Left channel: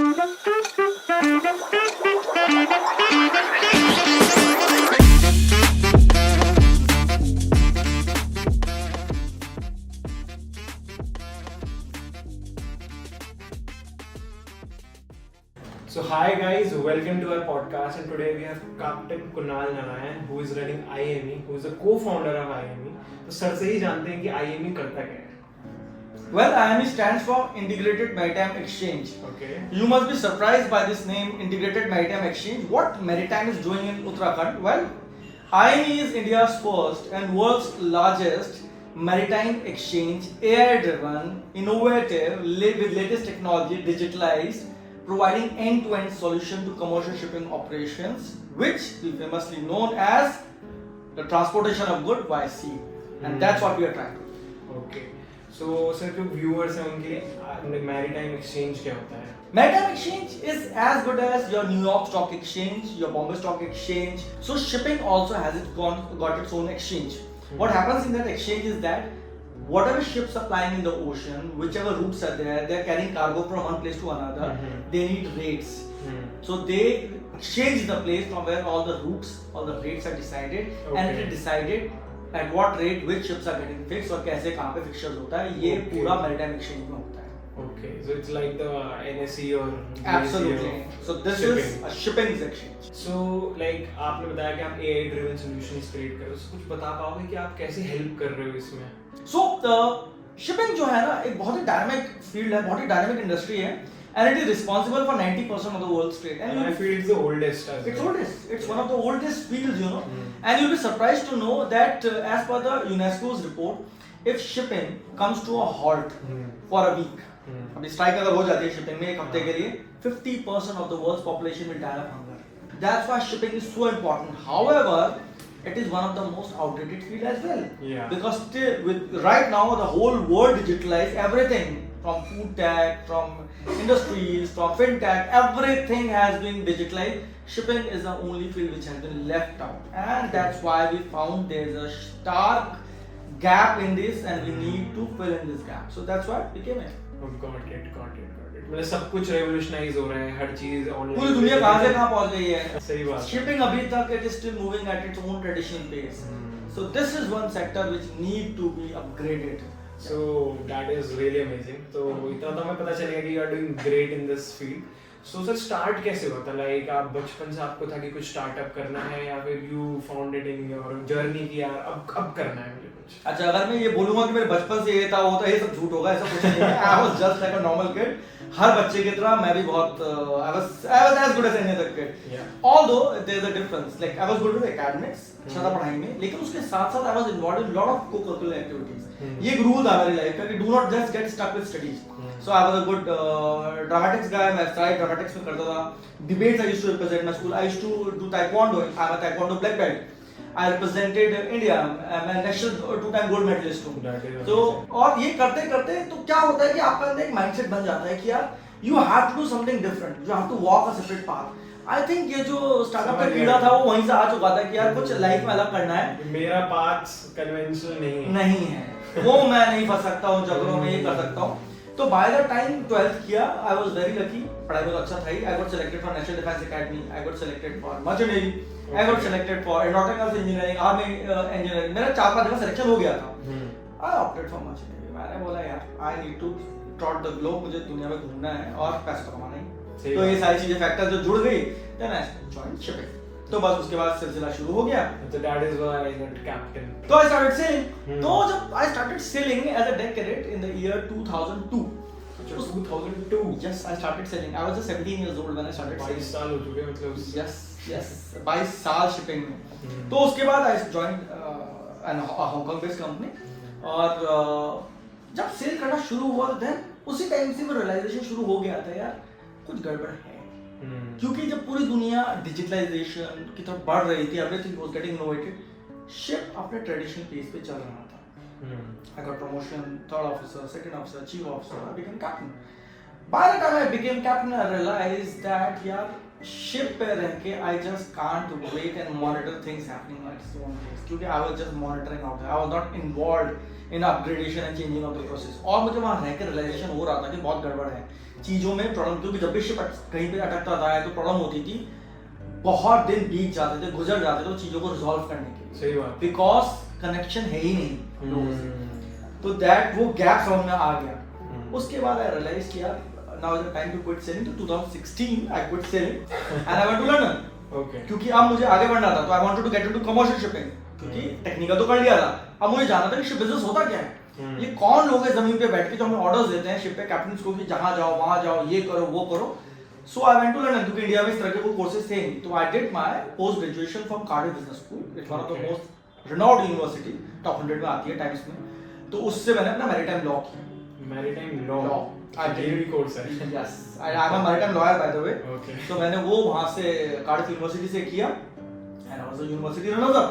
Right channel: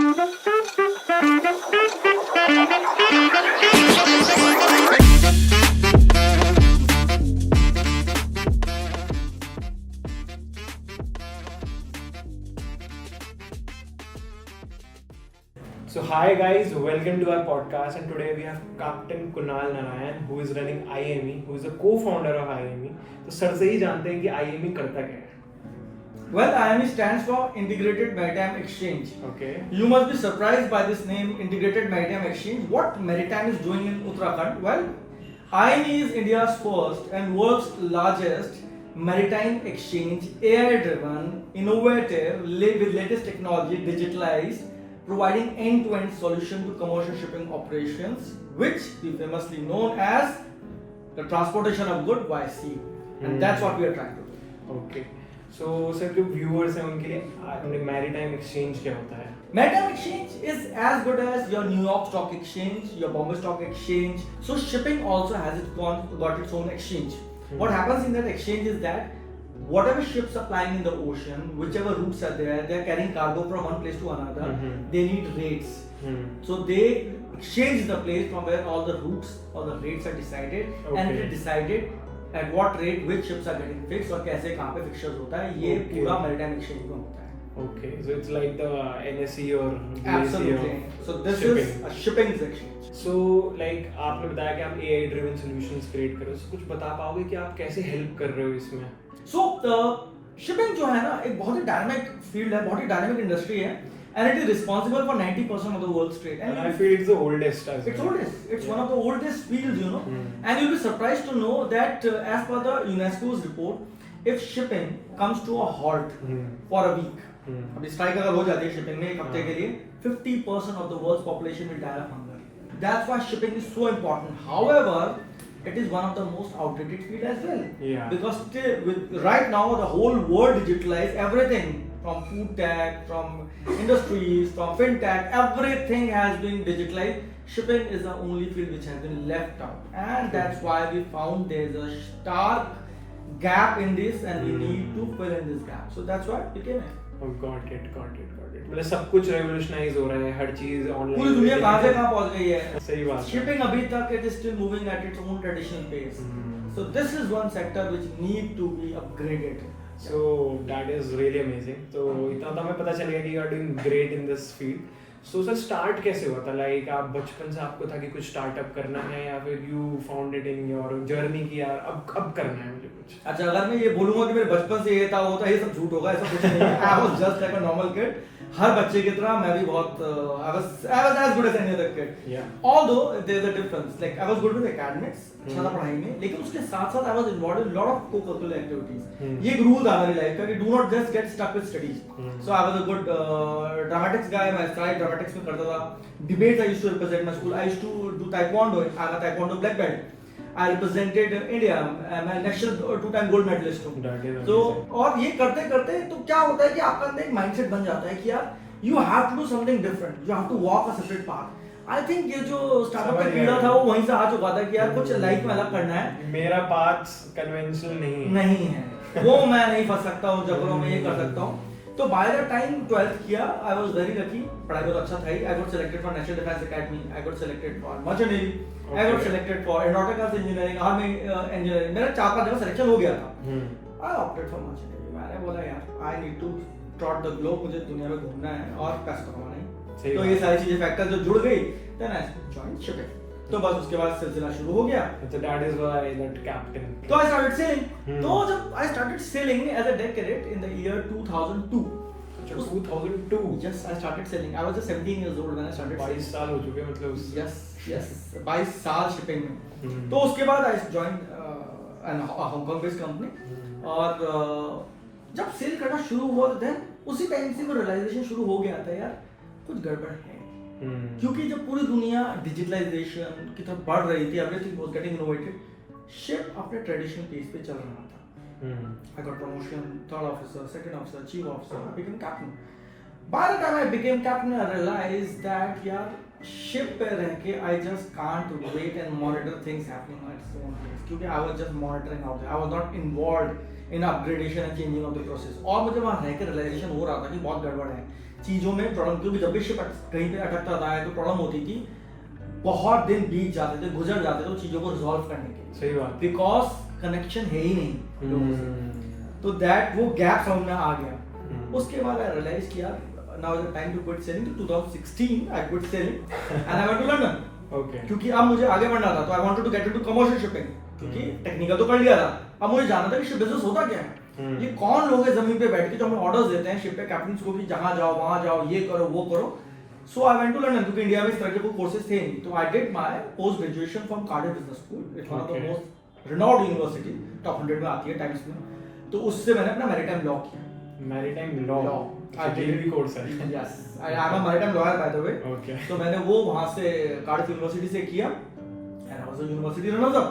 So hi guys, welcome to our podcast, and today we have Captain Kunal Narayan, who is running IME, who is a co-founder of IME. तो sir से ही जानते हैं कि IME करता क्या है. Well, IME stands for Integrated Maritime Exchange. Okay. You must be surprised by this name, Integrated Maritime Exchange. What Maritime is doing in Uttarakhand? Well, IME is India's first and world's largest maritime exchange, AI-driven, innovative, with latest technology, digitalized, providing end-to-end solution to commercial shipping operations, which is famously known as the transportation of goods by sea, and that's what we are trying to do. Okay. So sir, जो viewers हैं उनके लिए maritime exchange क्या होता है? Maritime exchange is as good as your New York Stock Exchange, your Bombay Stock Exchange. So shipping also has got its own exchange. What happens in that exchange is that whatever ships are plying in the ocean, whichever routes are there, they are carrying cargo from one place to another. They need rates. So they exchange the place from where all the routes or the rates are decided, and it is decided at what rate which ships are getting fixed और कैसे कहाँ पे fixtures होता है, ये पूरा maritime exchange में होता है. Okay, so it's like the NSE or BSE Absolutely. So this shipping. is a shipping exchange. So like आपने बताया कि आप AI driven solutions create कर रहे हो, so कुछ बता पाओगे कि आप कैसे help कर रहे हो इसमें? So shipping जो है ना एक बहुत ही dynamic field है, बहुत ही dynamic industry है, and it is responsible for 90% of the world's trade. And I feel it's the oldest as well. It's oldest. It's one of the oldest fields, you know. And you'll be surprised to know that as per the UNESCO's report, if shipping comes to a halt for a week, अभी strike अगर हो जाती है shipping में एक हफ्ते के लिए, 50% of the world's population will die of hunger. That's why shipping is so important. However, it is one of the most outdated field as well. Yeah. Because still, right now the whole world digitalized everything from food tech, from industries, from fintech, everything has been digitalized. Shipping is the only field which has been left out, and that's why we found there is a stark gap in this, and we need to fill in this gap. So that's why we came here. Oh, got it. मतलब सब कुछ revolutionize हो रहा है, हर चीज online. पूरी दुनिया कहाँ से कहाँ पहुँच गई है? सही बात है. Shipping अभी तक it is still moving at its own traditional pace. So this is one sector which need to be upgraded. So that is really amazing. तो इतना तो हमें पता चल गया कि you are doing great in this field. So sir start कैसे हुआ था? Like आप बचपन से आपको था कि कुछ startup करना है या फिर you found it in your journey कि यार अब करना है मुझे कुछ. अच्छा अगर मैं ये बोलूँगा कि मेरे बचपन से ये था वो था, ये सब झूठ होगा, ऐसा कुछ नहीं है. I was just like a normal kid. हर बच्चे की तरह मैं भी बहुत I was as good as any other kid. Yeah. Although there is a difference. Like I was good in academics, अच्छा था पढ़ाई में, लेकिन उसके साथ साथ I was involved in lot of co-curricular activities. ये एक rule था मेरी लाइफ का कि do not just get stuck with studies. So I was a good dramatics guy. मैं started dramatics में करता था. Debates I used to represent my school. I used to do taekwondo. I'm a taekwondo black belt. I represented India. I'm a national two-time gold medalist हूँ. तो और ये करते करते तो क्या होता है कि आपका अंदर एक mindset बन जाता है कि यार you have to do something different. You have to walk a separate path. I think ये जो स्टार्टअप का कीड़ा था वो वहीं से आ चुका था कि यार कुछ लाइफ में अलग करना है. मेरा path conventional नहीं है. वो मैं नहीं फंस सकता हूँ जबरों में ये कर सकता हूँ. तो by the time 12th किया, I was very lucky. पढ़ाई में तो अच्छा था ही. I got selected for National Defence Academy. I got selected for Merchant Navy. I got selected for Aeronautical Engineering, Army Engineering. मेरा 4-5 जगह सिलेक्शन हो गया था. I opted for Merchant Navy. मैंने बोला यार I need to trot the globe. मुझे दुनिया में घूमना है और पैसा कमाना है. तो ये सारी चीजें फैक्टर जो जुड़ गई, then I joined shipping. तो बस उसके बाद सिलसिला शुरू हो गया. So that is why that captain. तो I started sailing. तो जब I started sailing as a deck cadet in the year 2002. 2002. Yes, I started sailing. I was just 17 years old when I started sailing. 22 साल हो चुके हैं मतलब. Yes. 22 साल shipping में. तो उसके बाद I joined a Hong Kong based company. और जब सेल करना शुरू हुआ then उसी टाइम से वो realization शुरू हो गया था यार कुछ गड़बड़ है. क्योंकि जब पूरी दुनिया डिजिटलाइजेशन की तरफ बढ़ रही थी, everything was getting innovated, ship अपने ट्रेडिशनल पेस पे चल रहा था. I got promotion, third officer, second officer, chief officer, I became captain. By the time I became captain, I realized that यार शिप पे रह के I just can't wait and monitor things happening at its own pace. क्योंकि I was just monitoring out there. I was not involved in upgradation and changing of the process. और मुझे वहाँ रह के realization हो रहा था कि बहुत गड़बड़ है. चीजों में प्रॉब्लम, क्योंकि जब भी शिप कहीं पे अटकता था तो प्रॉब्लम होती थी, बहुत दिन बीत जाते थे, गुजर जाते थे वो चीजों को रिजॉल्व करने के लिए। सही बात। बिकॉज कनेक्शन है ही नहीं लोगों से। तो दैट वो गैप समझ में आ गया। उसके बाद आई रियलाइज किया now is the time to quit sailing. तो 2016 I quit sailing and I went to London. Okay. क्योंकि अब मुझे आगे बढ़ना था, तो I wanted to get into commercial shipping, क्योंकि टेक्निकल तो कर लिया था, अब मुझे जानना था कि शिप बिजनेस होता क्या है। ये कौन लोग हैं जमीन पे बैठ के जो हमें ऑर्डर्स देते हैं शिप पे कैप्टन्स को कि जहां जाओ वहां जाओ, ये करो वो करो। सो आई वेंट टू लंदन, क्योंकि इंडिया में इस तरह के कोई कोर्सेज थे नहीं। तो I did my post graduation from Cardiff business school, it's one of the most renowned university, top 100 में आती है टाइम्स में। तो उससे मैंने अपना मैरीटाइम लॉ किया। मैरीटाइम लॉ भी कोर्स है। Yes, I am a maritime lawyer by the way. Okay. तो मैंने वो वहां से कार्डिफ यूनिवर्सिटी से किया and I was a university runner up.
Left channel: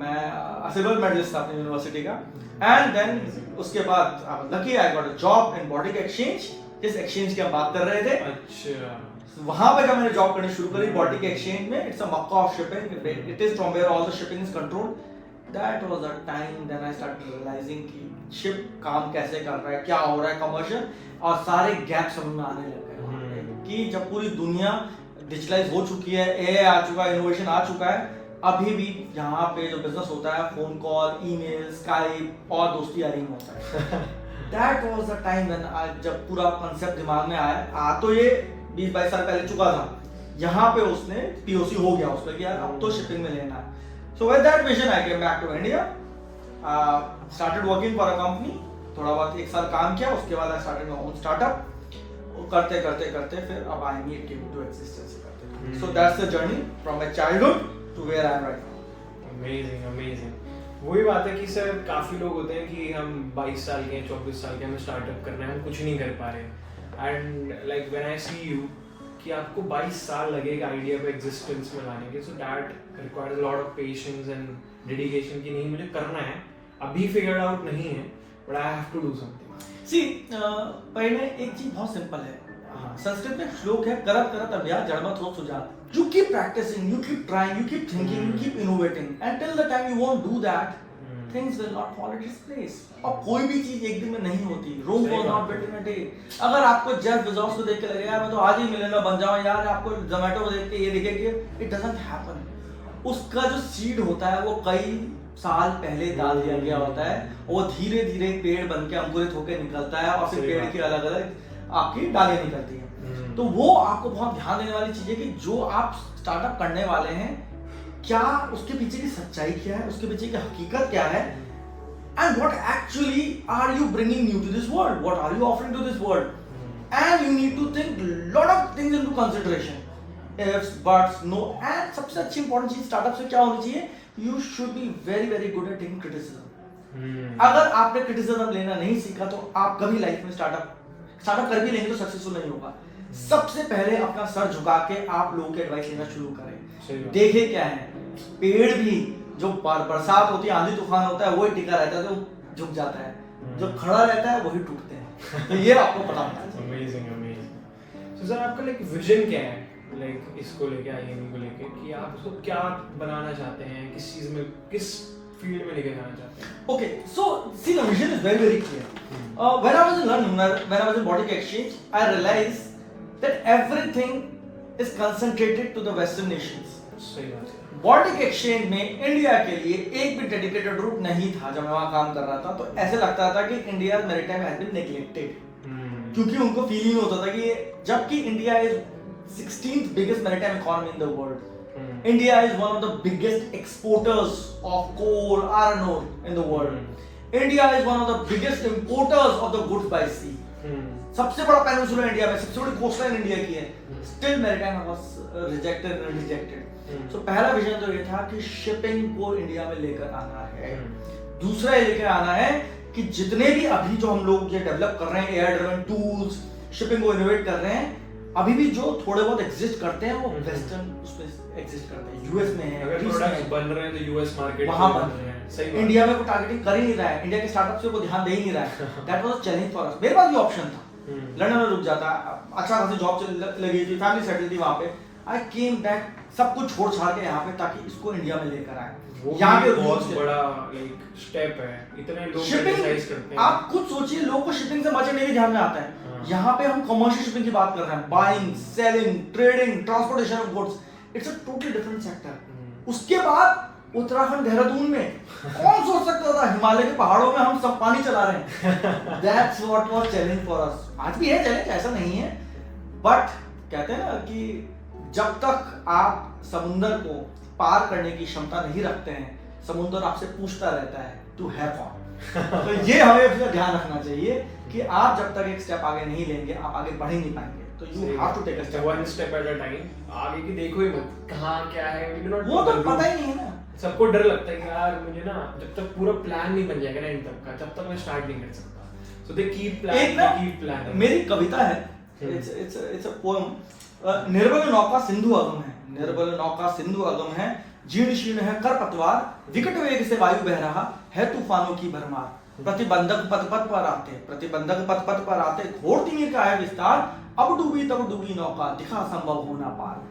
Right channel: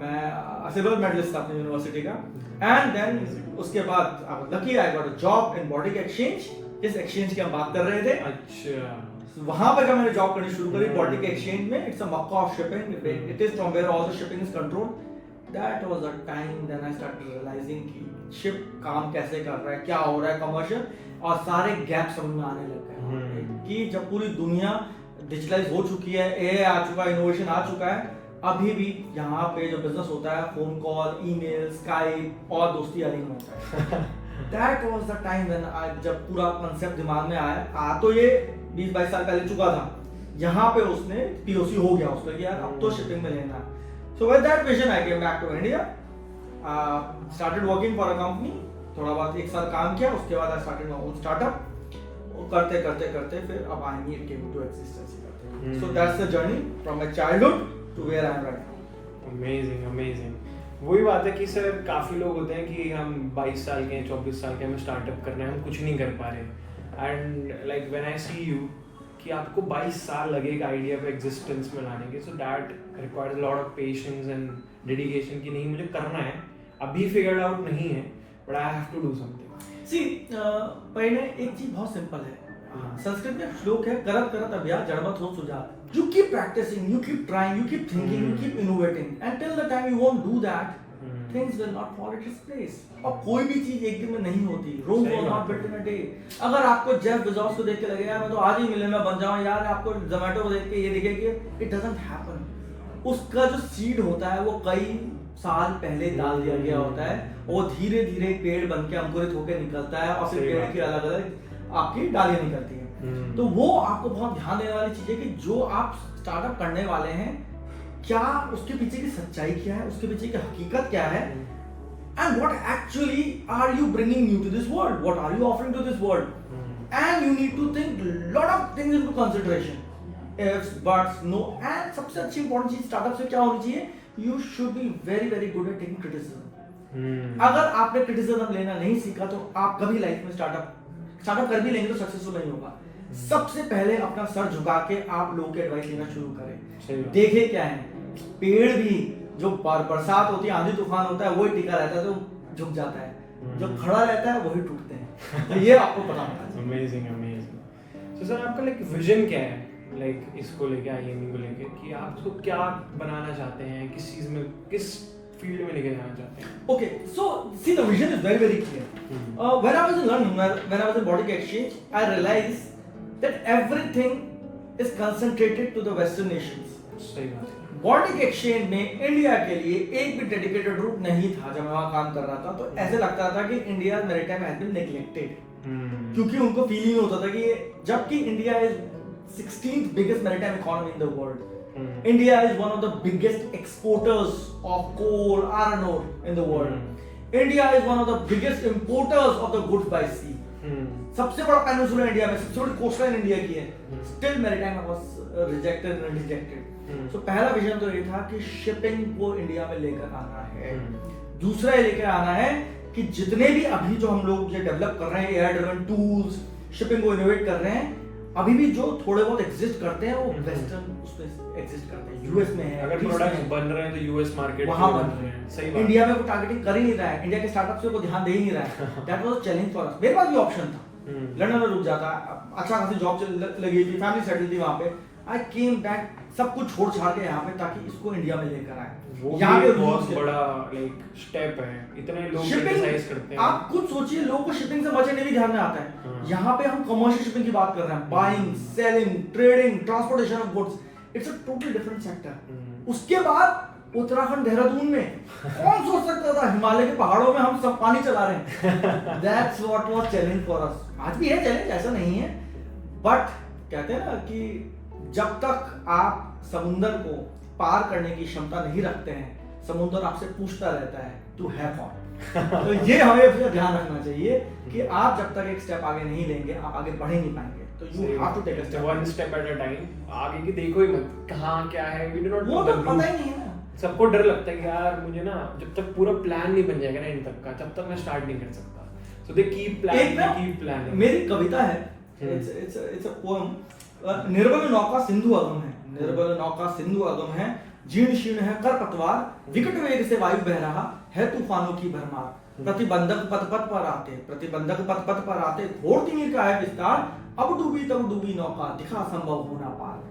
मैं सिल्वर मेडलिस्ट था अपनी यूनिवर्सिटी का। एंड देन उसके बाद I was lucky, I got a job in Baltic Exchange, जिस एक्सचेंज की हम बात कर रहे थे। अच्छा। वहां पे जब मैंने जॉब करनी शुरू करी बॉटिक एक्सचेंज में, it's a Mecca of shipping, it is from where all the shipping is controlled. That was the time when I started realising कि शिप काम कैसे कर रहा है, क्या हो रहा है कमर्शियल, और सारे गैप समझ में आने लग गए कि जब पूरी दुनिया डिजिटलाइज हो चुकी है, एआई आ चुका है, इनोवेशन आ चुका है, अभी भी यहाँ पे जो बिजनेस होता है फोन कॉल, ईमेल, स्काइप और दोस्ती यारी में होता है। That was the time when जब पूरा कांसेप्ट दिमाग में आया, तो ये 20-22 साल पहले चुका था, यहाँ पे उसने पीओसी हो गया उसका कि यार अब तो शिपिंग में लेना है। So with that vision I came back to India, started working for a company, थोड़ा बहुत 1 साल काम किया, उसके बाद I started my own startup. करते करते करते फिर अब I meet came to existence. So that's the journey from my childhood to where I am right now. Amazing amazing. वही बात है कि सर काफ़ी लोग होते हैं कि हम 22 साल के हैं, 24 साल के, हमें स्टार्टअप करना है, हम कुछ नहीं कर पा रहे। And like when I see you कि आपको 22 साल लगे एक आइडिया पे एग्जिस्टेंस में लाने के, so that requires a lot of patience and dedication कि नहीं मुझे करना है, अभी फिगर्ड आउट नहीं है, but I have to do something. See पहले एक चीज बहुत सिंपल है, संस्कृत में एक श्लोक है, करत करत अभ्यास जड़मत हो Sujat. You keep practicing, you keep trying, you keep thinking, you keep innovating. Until the time you won't do that, things will not fall in its place. और कोई भी चीज एक दिन में नहीं होती। Rome was not built in a day. अगर आपको जेफ बेजोस को देख के लगे यार मैं तो आज ही मिलियनर बन जाऊं, यार आपको जोमेटो को देख के ये देखे कि it doesn't happen. उसका जो सीड होता है वो कई साल पहले डाल दिया गया होता है, वो धीरे धीरे पेड़ बन के अंकुरित होकर निकलता है और फिर पेड़ की अलग अलग आपकी डालें निकलती हैं। तो वो आपको बहुत ध्यान देने वाली चीज है कि जो आप स्टार्टअप करने वाले हैं, क्या उसके पीछे की सच्चाई क्या है, उसके पीछे की हकीकत क्या है, and what actually are you bringing new to this world, what are you offering to this world, and you need to think lot of things into consideration, ifs buts no. And सबसे अच्छी important चीज startup से क्या होनी चाहिए, you should be very very good at taking criticism. अगर आपने criticism लेना नहीं सीखा तो आप कभी लाइफ में स्टार्टअप कर भी लेंगे तो सक्सेसफुल नहीं होगा। सबसे पहले अपना सर झुका के आप लोगों के एडवाइस लेना शुरू करें। देखे क्या है, पेड़ भी जो बरसात होती है, आंधी तूफान होता है, वही टिका रहता है तो झुक जाता है, जो खड़ा रहता है वही टूटते हैं। तो ये आपको पता होना चाहिए। Amazing amazing. सो सर आपका लाइक विजन क्या है, लाइक इसको लेके, आईएमई को लेके, कि आप इसको क्या बनाना चाहते हैं, किस चीज में, किस फील्ड में लेके जाना चाहते हैं? Okay, so see the vision is very very clear. When I was in London, when I was in Boutique Exchange, I realized that everything is concentrated to the Western nations. सही बात है। Boutique Exchange में India के लिए एक भी dedicated root नहीं था। जब मैं वहाँ काम कर रहा था तो ऐसे लगता था कि India maritime has been neglected, क्योंकि उनको फीलिंग होता था कि जबकि India is 16th biggest maritime economy in the world. India is one of the biggest exporters of coal, iron ore in the world. India is one of the biggest importers of the goods by sea. सबसे बड़ा peninsula India में, सबसे बड़ी coastline India की है। Still maritime was rejected and rejected. So पहला vision तो ये था कि शिपिंग को इंडिया में लेकर आना है। दूसरा ये लेकर आना है कि जितने भी अभी जो हम लोग डेवलप कर रहे हैं एआई ड्रिवन टूल्स, शिपिंग को इनोवेट कर रहे हैं, अभी भी जो थोड़े बहुत एग्जिस्ट करते हैं वो वेस्टर्न उसमें एग्जिस्ट करते हैं। यूएस में है, अगर प्रोडक्ट्स बन रहे हैं तो यूएस मार्केट वहां बन रहे हैं। सही बात। इंडिया में कोई टारगेटिंग कर ही नहीं रहा है, इंडिया के स्टार्टअप्स पे कोई ध्यान दे ही नहीं रहा है। That was a challenge for us. मेरे पास भी ऑप्शन था, लंदन में रुक जाता, अच्छा खासी जॉब लगी थी, फैमिली सेटल थी वहां पे, आई केम बैक, सब कुछ छोड़ छाड़ के यहाँ पे ताकि इसको इंडिया में लेकर आए। वो यहाँ भी पे एक बहुत rules थे। बड़ा लाइक स्टेप है, इतने लोग शिपिंग क्रिटिसाइज करते हैं। आप खुद सोचिए, लोगों को शिपिंग से बचने के ध्यान में आता है। हाँ। यहाँ पे हम कमर्शियल शिपिंग की बात कर रहे हैं, buying, selling, trading, transportation of goods, it's a totally different sector. उसके बाद उत्तराखंड देहरादून में कौन सोच सकता था हिमालय के पहाड़ों में हम सब पानी चला रहे हैं। That's what was challenge for us. आज भी है चैलेंज, ऐसा नहीं है, बट कहते हैं ना कि जब तक आप समुंदर को पार करने की क्षमता नहीं रखते हैं, समुंदर आपसे पूछता रहता है टू हैव फन। तो ये हमें अपना ध्यान रखना चाहिए कि आप जब तक एक स्टेप आगे नहीं लेंगे, आप आगे बढ़ ही नहीं पाएंगे। तो you have to take a step, one step at a time. आगे की देखो ही मत, कहाँ क्या है, वी डू नॉट वो नो तो द पता ही रूट। नहीं है ना। सबको डर लगता है कि यार मुझे ना जब तक पूरा प्लान नहीं बन जाएगा ना इन तक का, तब तक मैं स्टार्ट नहीं कर सकता। सो दे कीप एक प्लानिंग, ना कीप प्लानिंग। मेरी कविता है, इट्स अ पोएम, निर्बल नौका सिंधु अगम है, निर्बल नौका सिंधु अगम है, जीर्ण शीर्ण है कर पतवार, विकट वेग से वायु बह रहा है तूफानों की भरमार, प्रतिबंधक पथ पथ पर आते, प्रतिबंधक पथ पथ पर आते, घोर तीर का है विस्तार, अब डूबी तब डूबी नौका, दिखा संभव होना पार।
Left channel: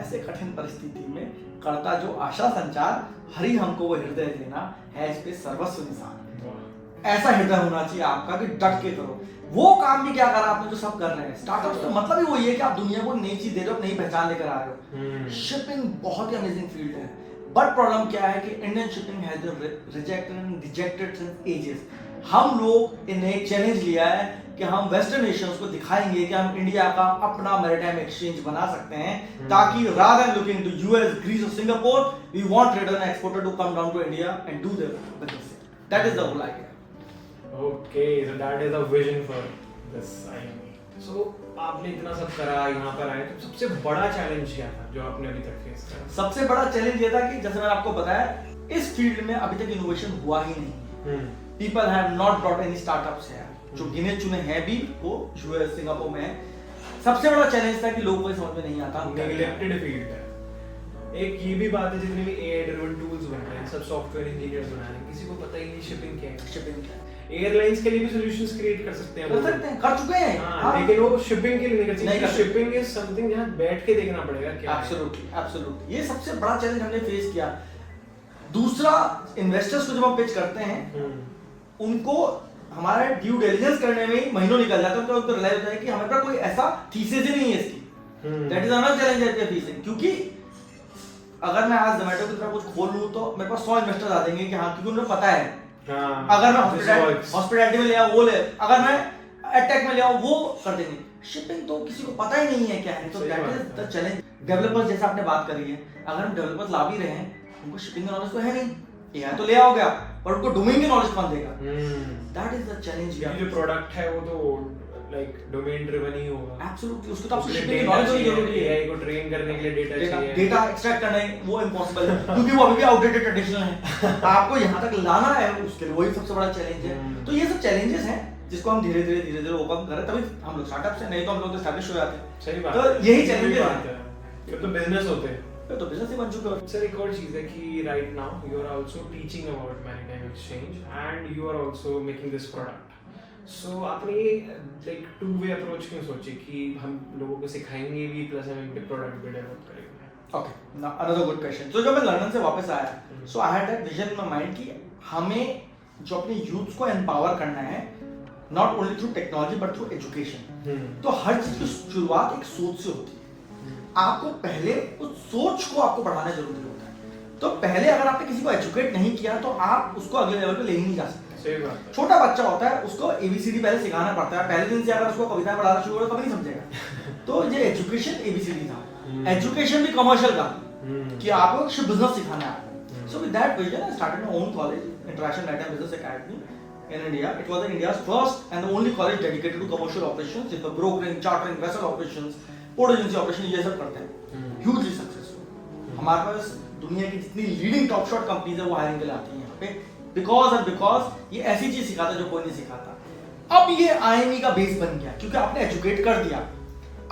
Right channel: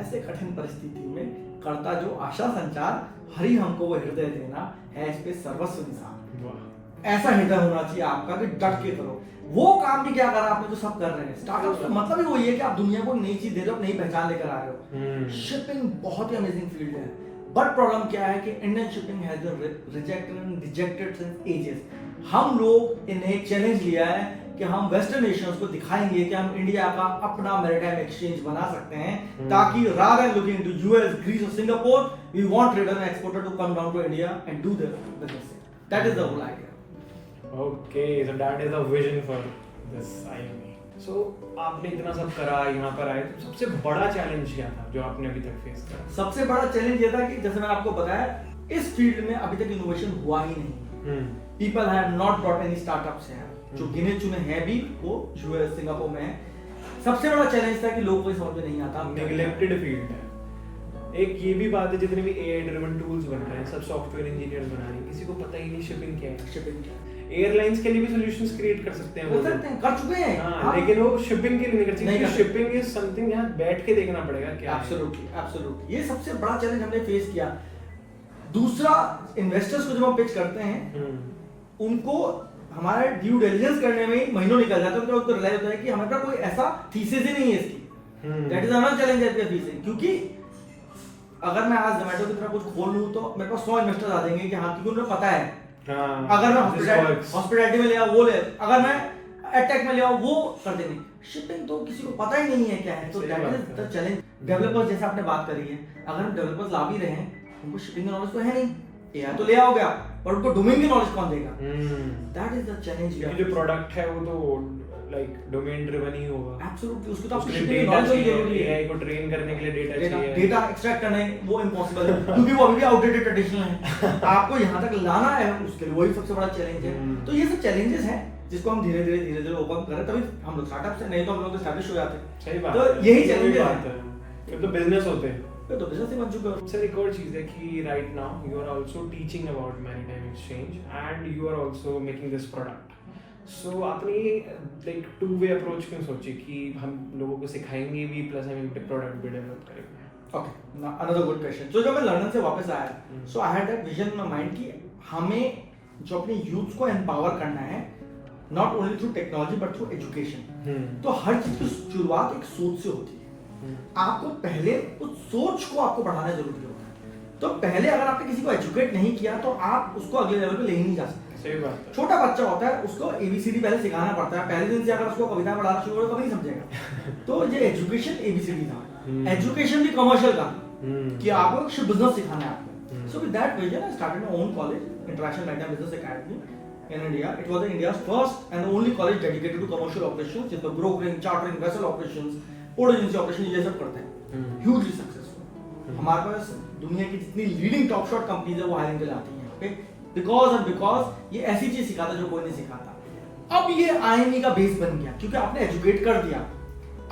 ऐसे कठिन परिस्थिति में करता जो आशा संचार, हरि हमको वो हृदय देना है इस पे सर्वस्व निसार। ऐसा हृदय होना चाहिए आपका कि डट के करो। वो काम भी क्या करा आपने जो सब कर रहे हैं स्टार्टअप का मतलब ही वही है कि आप दुनिया को नई चीज दे रहे हो, नई पहचान लेकर आ रहे हो। शिपिंग बहुत ही अमेजिंग फील्ड है, बट प्रॉब्लम क्या है कि Indian shipping has rejected since ages. हम लोग ने चैलेंज लिया है कि हम वेस्टर्न नेशंस को दिखाएंगे कि हम इंडिया का अपना मैरिटाइम एक्सचेंज बना सकते हैं, ताकि rather looking to US, Greece और Singapore, we want trader and exporter to come down to India and do their business. That is the whole idea. Okay, so that is the vision for this IME. So आपने इतना सब करा, यहाँ पर आए, तो सबसे बड़ा चैलेंज क्या था जो आपने अभी तक फेस करा? सबसे बड़ा चैलेंज ये था कि जैसे मैंने आपको बताया, इस फील्ड में अभी तक इनोवेशन हुआ ही नहीं। People have not brought any startups हैं, जो गिने चुने हैं भी वो यूएस, सिंगापुर में है। सबसे बड़ा चैलेंज था कि लोगों को समझ में नहीं आता, नेग्लेक्टेड फील्ड है। एक ये भी बात है, जितने भी एआई ड्रिवन टूल्स बन रहे हैं, सब सॉफ्टवेयर इंजीनियर्स बना रहे हैं, किसी को पता ही नहीं शिपिंग क्या है। शिपिंग एयरलाइंस के लिए भी सॉल्यूशंस क्रिएट कर सकते हैं वो लोग। कर चुके हैं, हाँ, लेकिन वो शिपिंग के लिए नहीं कर सकते, नहीं कर क्योंकि शिपिंग इज समथिंग जहाँ बैठ के देखना पड़ेगा क्या है। एब्सोल्युटली ये सबसे बड़ा चैलेंज हमने फेस किया। दूसरा, इन्वेस्टर्स को जब हम पिच करते हैं, उनको हमारा ड्यू डिलिजेंस करने में ही महीनों निकल जाता है, तो उनको रियलाइज होता है कि हमारे पास कोई ऐसा थीसिस ही नहीं है इसकी। That is another challenge that we are facing, क्योंकि अगर मैं आज जोमेटो की तरह कुछ खोल लूं तो मेरे पास 100 इन्वेस्टर्स आ जाएंगे कि हाँ, क्योंकि उन्हें पता है। अगर मैं हॉस्पिटैलिटी में लिया वो ले, अगर मैं एडटेक में लिया वो कर देंगे। शिपिंग तो किसी को पता ही नहीं है क्या है, तो that is the challenge. Developers जैसा आपने बात करी है, अगर हम डेवलपर्स ला भी रहे हैं, उनको शिपिंग का नॉलेज तो है नहीं, ये तो ले आओगे आप, पर उनको डोमेन की नॉलेज कौन देगा? That is the challenge. जो प्रोडक्ट है वो तो लाइक डोमेन ड्रिवन ही होगा। एब्सोल्युटली, उसको तो आपको शिपिंग की नॉलेज होनी जरूरी है। एआई को ट्रेन करने के लिए डेटा चाहिए, डेटा एक्सट्रैक्ट करने वो इम्पॉसिबल है, क्योंकि वो अभी भी आउटडेटेड ट्रेडिशनल है। आपको यहाँ तक लाना है, उसके लिए वही सबसे बड़ा चैलेंज है। तो ये सब चैलेंजेस हैं जिसको हम धीरे धीरे ओवरकम कर रहे हैं, तभी हम लोग स्टार्टअप से, नहीं तो हम लोग एस्टैब्लिश हो जाते हैं। सही बात तो है, यही चैलेंज है, ये तो बिजनेस होते हैं। तो बिजनेस ही बन चुके हो। सर एक और चीज है कि right now you are also teaching about maritime exchange and you are also making this product. So आपने लाइक टू वे अप्रोच क्यों सोची कि हम लोगों को सिखाएंगे भी प्लस हम इनके प्रोडक्ट भी डेवलप करेंगे? Okay, now another good question. तो जब मैं लंदन से वापस आया, so I had that vision in my mind कि हमें जो अपने यूथ को एम्पावर करना है, not only through technology but through education. तो हर चीज की शुरुआत एक सोच से होती है। आपको पहले उस सोच को आपको बढ़ाना जरूरी होता है। तो पहले अगर आपने किसी को एजुकेट नहीं किया तो आप उसको अगले लेवल पे ले ही नहीं जा सकते। सही बात है। छोटा बच्चा होता है, उसको एबीसीडी पहले सिखाना पड़ता है। पहले दिन से अगर उसको कविता पढ़ाना शुरू करो कभी नहीं समझेगा। तो ये एजुकेशन एबीसीडी था। एजुकेशन भी कमर्शियल था कि आपको कुछ बिजनेस सिखाना है। So with that vision I started my own college, international maritime business academy in India. It was India's first and the only college dedicated to commercial operations, in the brokering, chartering, vessel operations, port agency operation, ये सब करते हैं। Hugely successful। हमारे पास दुनिया की जितनी leading top shot companies है वो हायरिंग के लिए आती हैं यहाँ पे, बिकॉज ये ऐसी चीज सिखाता जो कोई नहीं सिखाता। अब ये आईएमई का बेस बन गया क्योंकि आपने एजुकेट कर दिया,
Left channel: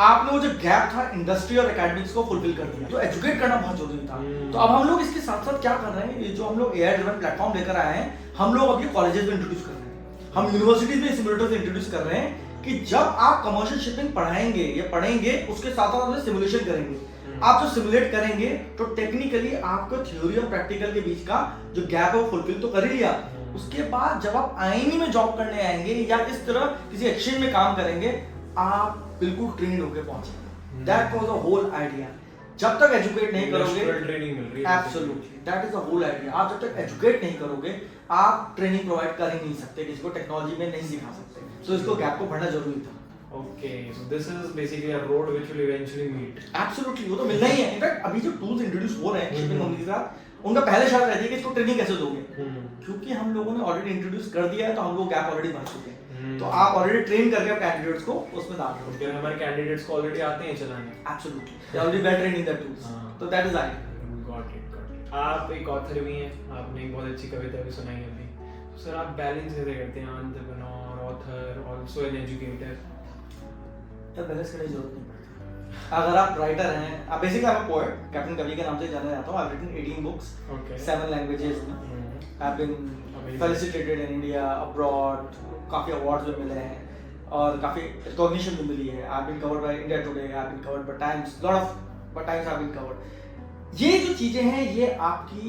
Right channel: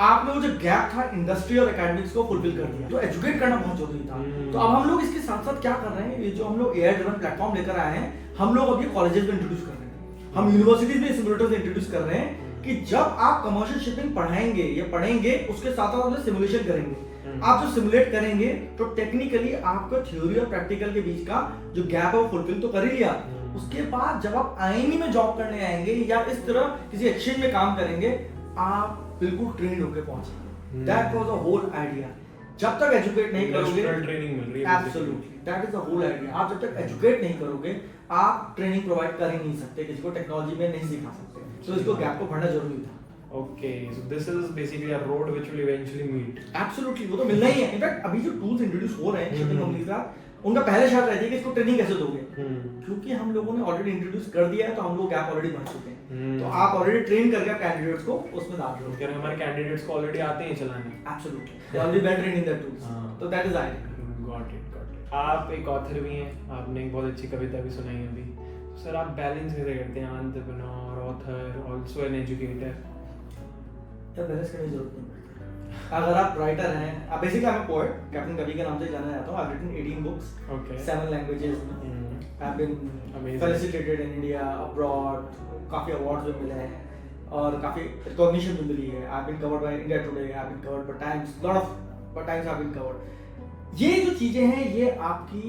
आपने वो जो गैप था इंडस्ट्री और एकेडमिक्स को फुलफिल कर दिया। तो एजुकेट करना बहुत जरूरी था। तो अब हम लोग इसके साथ साथ क्या कर रहे हैं, ये जो हम लोग एआई ड्रिवन प्लेटफॉर्म लेकर आए हैं, हम लोग अब ये कॉलेजेस में इंट्रोड्यूस कर रहे हैं, हम यूनिवर्सिटीज में सिमुलेटर्स इंट्रोड्यूस कर रहे हैं कि जब आप कमर्शियल शिपिंग पढ़ाएंगे या पढ़ेंगे उसके साथ साथ अपने सिमुलेशन करेंगे। आप जो सिमुलेट करेंगे तो टेक्निकली आपको थ्योरी और प्रैक्टिकल के बीच का जो गैप है वो फुलफिल तो कर ही लिया। उसके बाद जब आप आईएमई में जॉब करने आएंगे या इस तरह किसी एक्सचेंज में काम करेंगे, आप बिल्कुल ट्रेंड होकर पहुंचेंगे। That was the whole idea. जब तक एजुकेट नहीं करोगे, ट्रेनिंग मिल रही है, absolutely that is the whole idea. आप जब तक एजुकेट नहीं करोगे, आप ट्रेनिंग प्रोवाइड कर ही नहीं सकते, किसी को टेक्नोलॉजी में नहीं सिखा सकते। तो इसको गैप को भरना जरूरी था। Okay, so this is basically a road which will eventually meet. Absolutely, वो तो मिलना ही है। इनफैक्ट अभी जो टूल्स इंट्रोड्यूस हो रहे हैं शिपिंग कंपनी का, उनका पहले शर्त रहती है कि इसको ट्रेनिंग कैसे दोगे, क्योंकि हम लोगों ने ऑलरेडी इंट्रोड्यूस कर दिया है तो हम लोग गैप ऑलरेडी भर चुके हैं। तो आप ऑलरेडी ट्रेन करके कैंडिडेट्स को उसमें डाल दो। फिर हमारे कैंडिडेट्स को ऑलरेडी आते हैं चलाने। Absolutely, they are already well trained in that tools. तो that is idea. Got it. आप एक ऑथर भी हैं, आपने एक बहुत अच्छी कविता भी सुनाई अभी। सर आप बैलेंस कैसे करते हैं, entrepreneur, author, also an educator? तो बैलेंस करने की जरूरत नहीं पड़ती। अगर आप राइटर हैं, आप बेसिकली आप पोएट, कैप्टन कवि के नाम से जाना जाता हूं। I have written 18 books, Okay. 7 languages में। I have been Amazing. Felicitated in India, abroad, काफी अवार्ड्स भी मिले हैं और काफी रिकॉग्निशन भी मिली है। I have been covered by India Today, I have been covered by Times, lot of times I have been covered. ये जो चीजें हैं ये आपकी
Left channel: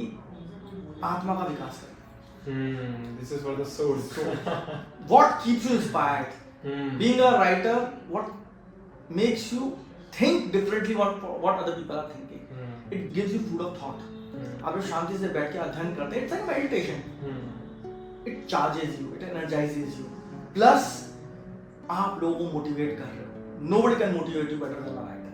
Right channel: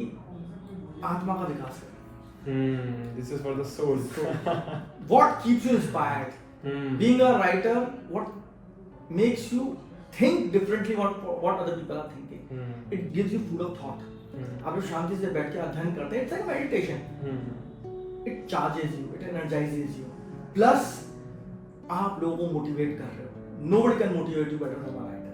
आत्मा का विकास है। This is for the soul. What keeps you inspired? Being a writer, what makes you think differently what other people are thinking. It gives you food of thought. आप जब शांति से बैठ के अध्ययन करते हैं, it's like meditation. It charges you, it energizes you. Plus आप लोगों को मोटिवेट कर रहे हो। Nobody can motivate you better than a writer.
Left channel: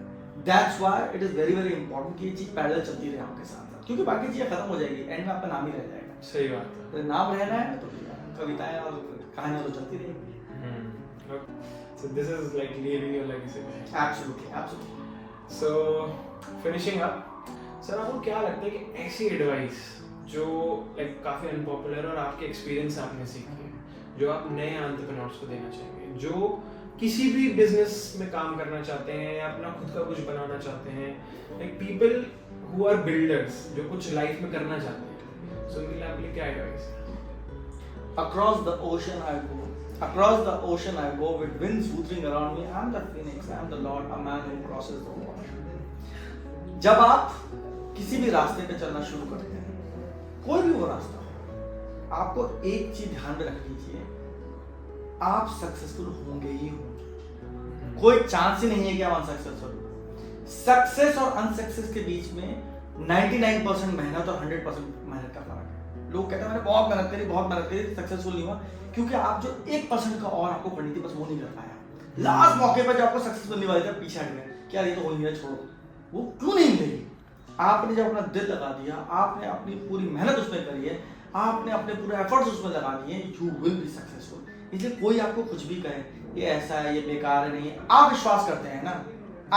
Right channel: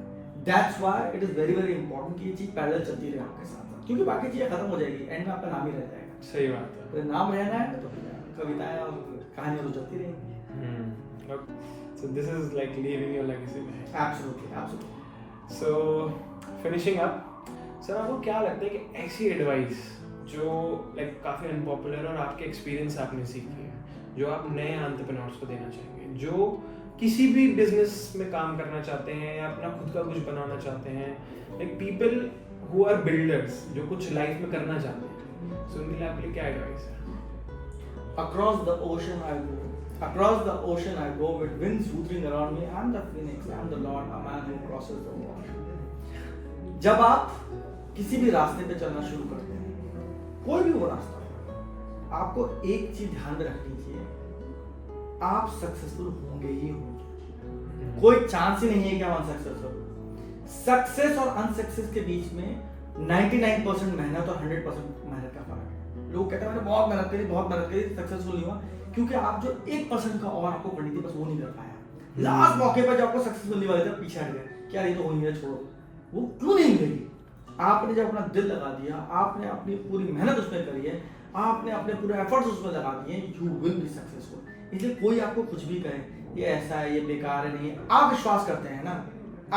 That's why it is very very important कि ये चीज पैरेलल चलती रहे आपके साथ, क्योंकि बाकी चीजें खत्म हो जाएगी, एंड में आपका नाम ही रह जाएगा। सही बात है। तो नाम रहना है तो कविताएं और कहानियां तो चलती रहेंगी। So this is like leaving your legacy. Absolutely, absolutely. So finishing up, sir आपको क्या लगता है कि ऐसी एडवाइस जो लाइक काफ़ी अनपॉपुलर और आपके एक्सपीरियंस आपने सीखी है, जो आप नए एंटरप्रेन्योर्स को देना चाहेंगे, जो किसी भी बिजनेस में काम करना चाहते हैं या अपना खुद का कुछ बनाना चाहते हैं, like people who are builders जो कुछ लाइफ में करना चाहते हैं, सो उनके लिए आपके लिए क्या एडवाइस है? Across the ocean I go. Across the ocean I go with winds whooping around me. I'm the phoenix. I'm the Lord, a man who crosses the water. जब आप किसी भी रास्ते पे चलना शुरू करते हैं, कोई भी वो रास्ता हो, आपको एक चीज ध्यान में रखनी चाहिए, आप सक्सेसफुल होंगे ही होंगे। कोई चांस ही नहीं है कि आप अनसक्सेसफुल हो। सक्सेस और अनसक्सेस के बीच में 99% मेहनत और 100% मेहनत का फर्क है। लोग कहते हैं मैंने बहुत मेहनत करी, सक्सेसफुल नहीं हुआ, क्योंकि आप जो 1% का और आपको करनी थी बस वो नहीं कर पाया। लास्ट मौके पर जब आपको सक्सेस मिलने वाले थे, पीछे हट गए, क्या ये तो हो ही नहीं, छोड़ो। वो क्यों नहीं मिलेगी? आपने जब अपना दिल लगा दिया, आपने अपनी पूरी मेहनत उसमें करी है, आपने अपने पूरे एफर्ट्स उसमें लगा दिए, यू विल बी सक्सेसफुल। इसलिए कोई आपको कुछ भी कहे, ये ऐसा है, ये बेकार है, नहीं है, आप विश्वास करते हैं ना,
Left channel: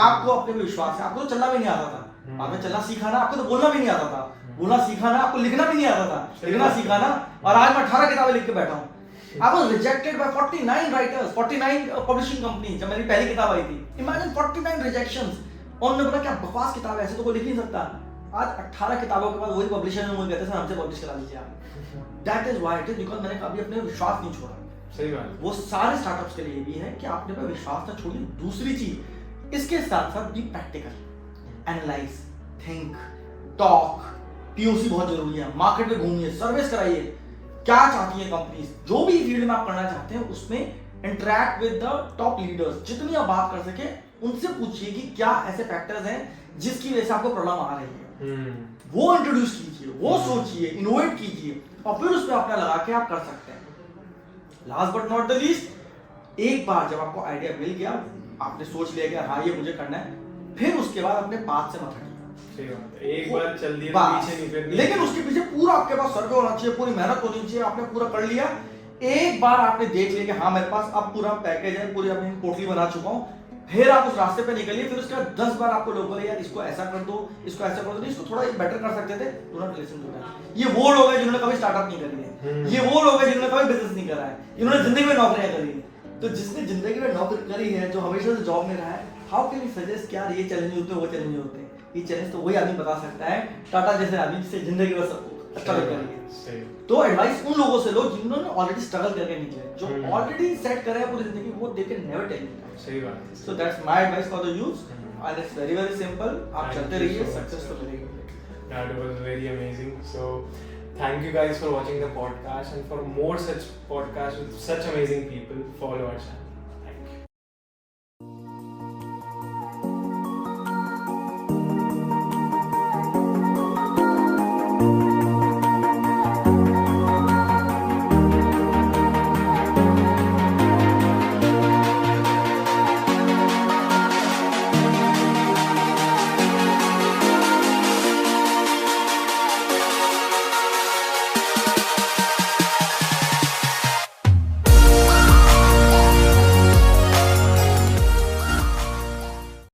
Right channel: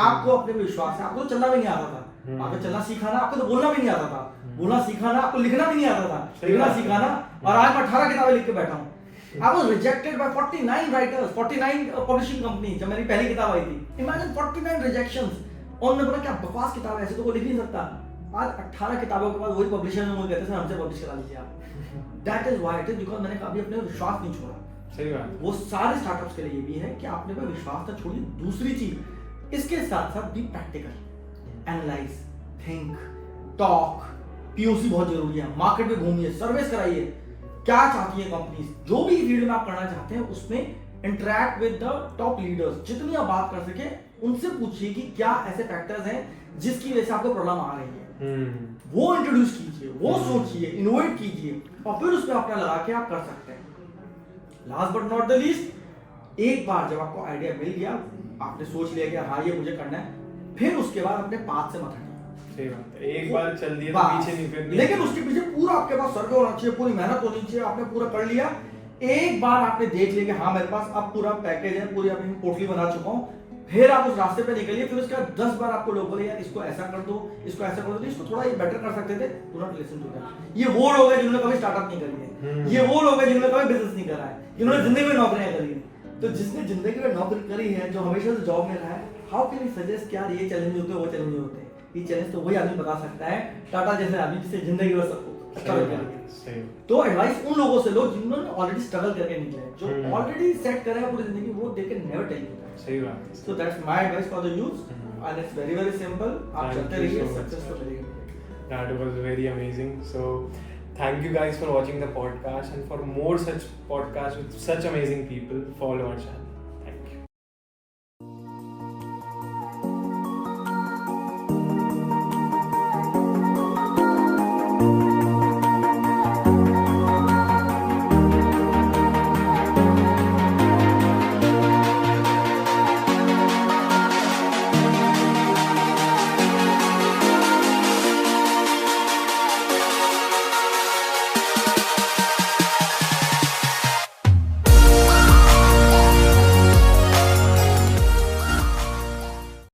आपको अपने में विश्वास है। आपको तो चलना भी नहीं आता था, आपने चलना सीखा ना, आपको तो बोलना भी नहीं आता था, बोलना सीखा ना, आपको लिखना भी नहीं आता था, लिखना सीखा ना, और आज मैं 18 किताबें लिख के बैठा हूँ। I was rejected by 49 writers, 49 publishing companies जब मेरी पहली किताब आई थी। Imagine 49 rejections। और उन्होंने बोला क्या बकवास किताब है, ऐसे तो कोई लिख नहीं सकता। आज 18 किताबों के बाद वही पब्लिशर ने मुझे कहते हैं हमसे पब्लिश करा लीजिए आप। That is why it is because मैंने कभी अपने विश्वास नहीं छोड़ा। सही बात। वो सारे स्टार्टअप्स के लिए भी है कि आपने अपना विश्वास ना छोड़िए। दूसरी चीज इसके साथ साथ be practical, analyse, think, talk, POC बहुत जरूरी है। मार्केट में घूमिए, सर्विस कराइए, क्या चाहती है कंपनीज, जो भी फील्ड में आप करना चाहते हैं उसमें interact with the top leaders. जितनी आप बात कर सके उनसे पूछिए कि क्या ऐसे फैक्टर्स हैं जिसकी वजह से आपको प्रॉब्लम आ रही है। वो इंट्रोड्यूस कीजिए, वो सोचिए, इनोवेट कीजिए और फिर उस पर अपना लगा के आप कर सकते हैं। Last but not the least, एक बार जब आपको आइडिया मिल गया, आपने सोच लिया कि हाँ ये मुझे करना है, फिर उसके बाद अपने पाथ से मत हटिए। सही बात है, एक बार चल दिया तो पीछे नहीं फिरना। लेकिन उसके पीछे पूरा आपके पास सर्वे होना चाहिए, पूरी मेहनत होनी चाहिए, आपने पूरा कर लिया। एक बार आपने देख लिया कि हाँ मेरे पास अब पूरा पैकेज है, पूरी अपनी पोर्टली बना चुका हूँ, फिर आप उस रास्ते पे निकलिए। फिर उसके बाद 10 बार आपको लोग बोले यार इसको ऐसा कर दो, इसको ऐसा कर दो, इसको थोड़ा ये बेटर कर सकते थे, do not listen to that. ये वो लोग हैं जिन्होंने कभी स्टार्टअप नहीं करी है, ये वो लोग हैं जिन्होंने कभी बिजनेस नहीं करा है, जिन्होंने जिंदगी में नौकरियां करी है। तो जिसने जिंदगी में नौकरी करी है, जो हमेशा से जॉब में रहा है, हाउ कैन यू सजेस्ट क्या ये चैलेंज होते हैं, वो चैलेंज होते हैं? ये चैलेंज तो वही आदमी बता सकता है, टाटा जैसे आदमी जिससे जिंदगी में सब स्ट्रगल करेंगे। सही। तो एडवाइस उन लोगों से लो जिन्होंने ऑलरेडी स्ट्रगल करके निकले हैं, जो हम्म। ऑलरेडी सेट करा है पूरी जिंदगी, वो they can never tell you. सही बात है। So that's my advice for the youth and it's very very simple. आप Thank चलते you रहिए, so much, सक्सेस तो sir. मिलेगी। That was very amazing. So, thank you guys for watching the podcast, and for more such podcasts with such amazing people, follow our channel.